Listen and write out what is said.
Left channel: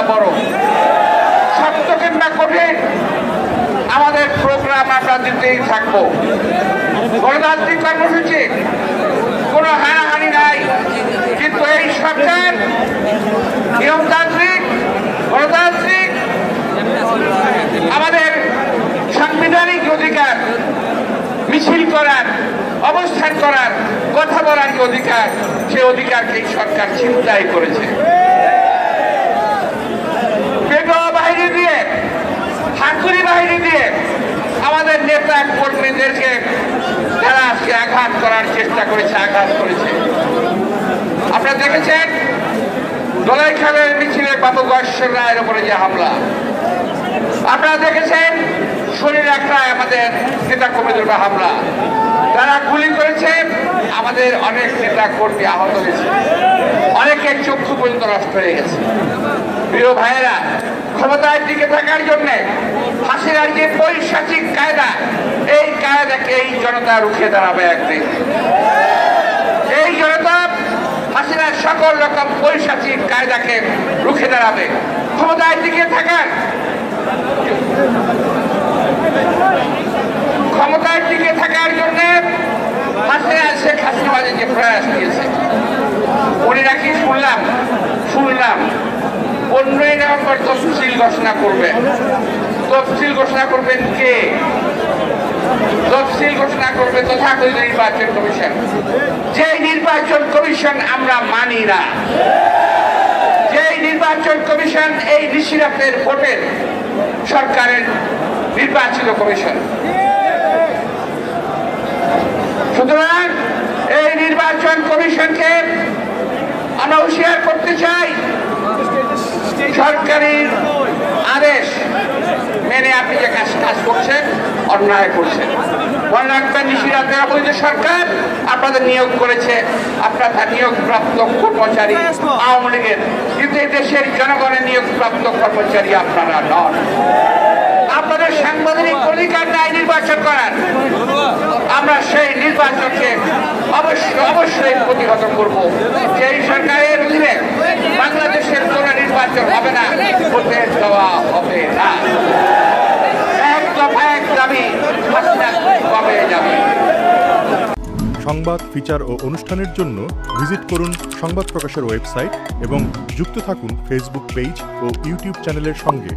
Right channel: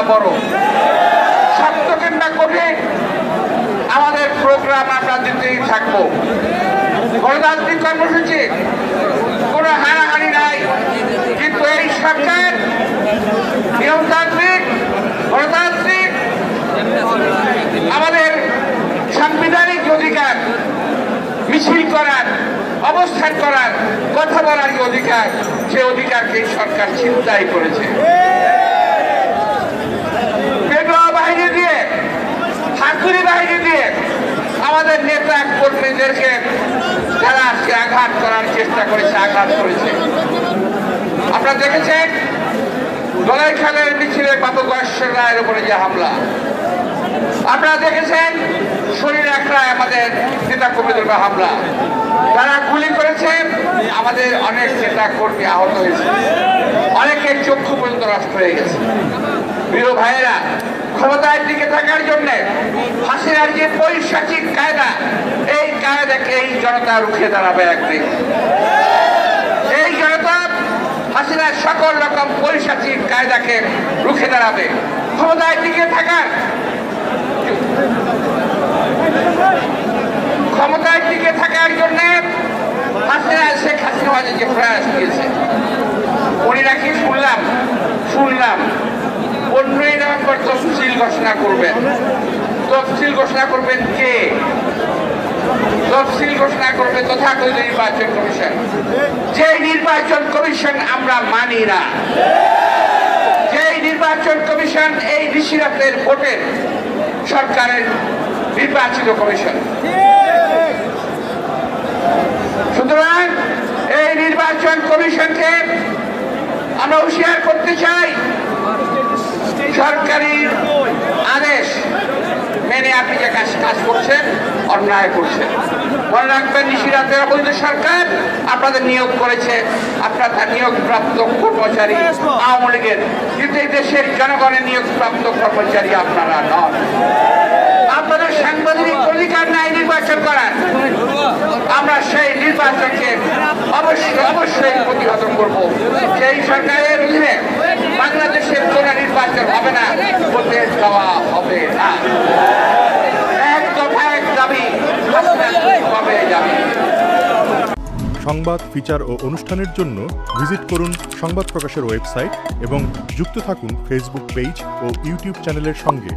কিংবা বড়, শক্ত কিংবা কঠিন, আমাদের প্রোগ্রাম আমরা দিতেই থাকবো। গণতান্ত্রিক কর্মসূচি, কোনো হানাহানি নাই, কিন্তু এই সরকার নিয়মতান্ত্রিক, গণতান্ত্রিক, আমাদের সাংবিধানিক অধিকার মিছিল করার, অবস্থান করার, কথা বলার যে অধিকার, সে অধিকারকে সরকার ছিনতাই করেছে। বেগম বাহিনী দিয়ে, হাতুড়ি বাহিনী দিয়ে আমাদের নেতা কর্মীদেরকে যারা সে আঘাত করার চেষ্টা করেছে, আঘাত করেছে। আপনারা দেখেছেন দোলাইখালের মিছিলে বাবু গয়েশ্বর রায়ের উপরে যে হামলা, আপনারা দেখেছেন শরীর আখড়ায় আমাদের নেতা কর্মীদের হামলা, যারা গুলি করেছে, আমাদের অনেক নেতা কর্মী আহত হয়েছে, অনেকের চক্ষু পর্যন্ত নষ্ট হয়ে গেছে। প্রিয় ভাইয়েরা, ক্ষমতায় টিকে থাকার জন্য হাসিনার যে পৈশাচিক কায়দা, এই কায়দাকে এই জনতা রুখে দাঁড়াবে একদিন। এই জনতা হাসিনার সকল রকম পৈশাচিক কায়দাকে রুখে দাঁড়াবে। ক্ষমতায় টিকে থাকার, ক্ষমতায় টিকে থাকার জন্য হাসিনা শেখ হাসিনা যে প্রয়াস দিয়েছে, উনি নাকি শুনলাম 15ই নভেম্বর তফসিল ঘোষণা করবেন। তফসিল ঘোষণা করবেন কে? তফসিল ঘোষণা করবে তথাকথিত নির্বাচন কমিশন। যে নির্বাচন কমিশন আমরা মানি না, যে নির্বাচন কমিশন এই ঋষিরাতের ভোটের সরকারের নির্বাচিত কমিশন। সুতরাং এই নির্বাচন কমিশনকে আমরা হুঁশিয়ার করতে চাই, সরকারি আদেশ মেনে আপনি যে কাজ করছেন অন্যায় করছেন। মনে রাখবেন, নিশিরাতে অবৈধ সরকার আপনাদের নিয়োগ করেছে, আপনারা নিয়োগপ্রাপ্ত কর্মচারী আওয়ামী লীগের, কিন্তু এই দেশের জনগণের নিয়োগপ্রাপ্ত কর্মচারী আপনারা নন। আপনাদের সাংবিধানিক অধিকার নাই নির্বাচন করার। আমরা সেই নির্বাচনকে অবশ্যই প্রতিহত করব। সেই সরকারের অধীনে বাংলাদেশের কোন নির্বাচন হবে না, হতে দেওয়া হবে না। এক দফা এক দাবি কবে যাবে। সংবাদ, ফিচার ও অনুষ্ঠানের জন্য ভিজিট করুন সংবাদ প্রকাশের ওয়েবসাইট এবং যুক্ত থাকুন ফেসবুক পেজ ও ইউটিউব চ্যানেলের সঙ্গে।